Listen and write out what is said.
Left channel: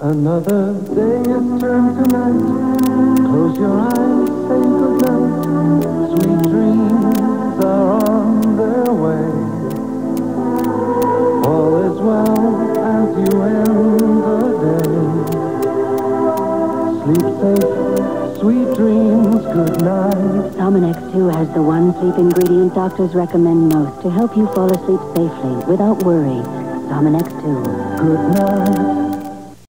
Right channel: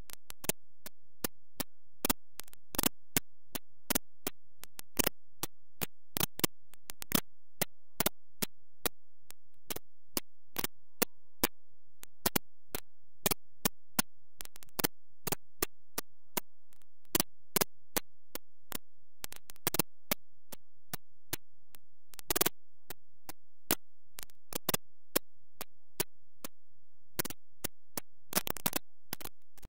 Another day is turned to night. Close your eyes, say goodnight. Sweet dreams are on their way. All is well as you end the day. Sleep safe, sweet dreams, good night. Sominex 2 has the one sleep ingredient doctors recommend most to help you fall asleep safely without worry. Sominex 2. Good night.